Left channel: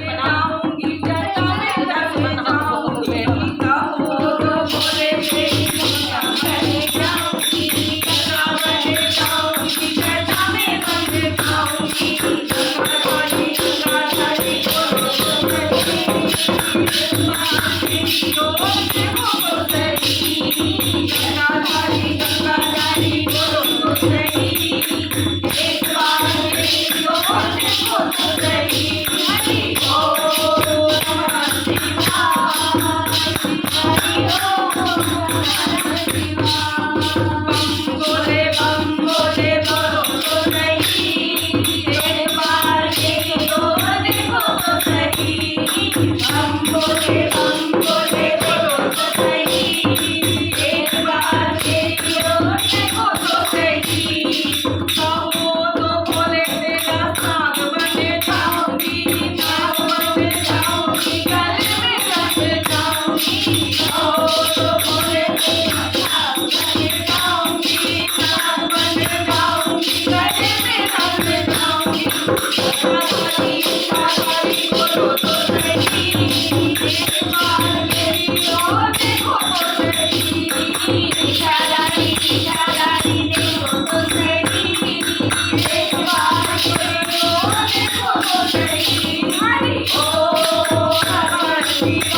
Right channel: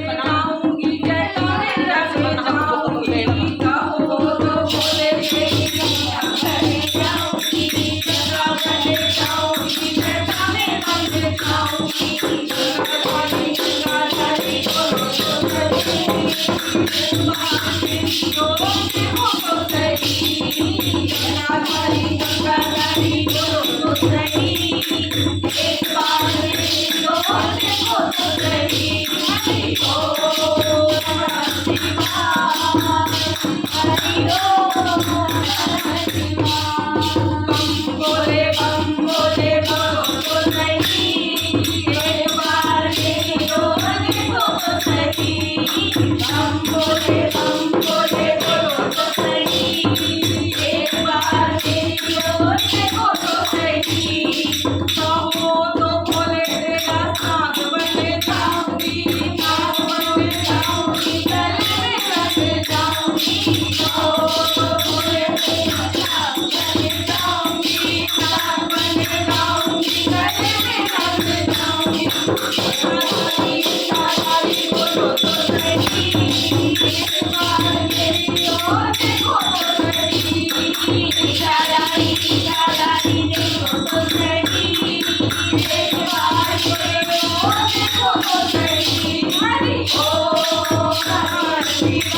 जाऊंगी जटा में रख जाऊंगी कहो तो बोले तेरी मैया बन जाऊंगी गंगा बन जाऊंगी जटा में बन जाऊंगी गंगा धारी बोलो तो सही माँ तेरी हो तो सही गंगा धारी बोलो तो सही एक बार मेरी ओर देखो तो सही हरि ओम नमः शिवाय हरि ओम नमः शिवाय बम बोले बोलो तो सही एक बार मेरी ओर देखो तो सही बम बोले बोलो तो सही एक बार मेरी ओर देखो तो सही कहो तो बोले तेरा साग बन जाऊंगी नाग बन जाऊंगी गले में रख जाऊंगी कहो तो बोले तेरा साग बन जाऊंगी नाग बन जाऊंगी गले में रख जाऊंगी शाकाहारी बोलो तो सही एक बार मेरी ओर देखो तो सही शाकाहारी देखो तो सही एक बार मेरी ओर देखो तो सही हरि ओम नमः शिवाय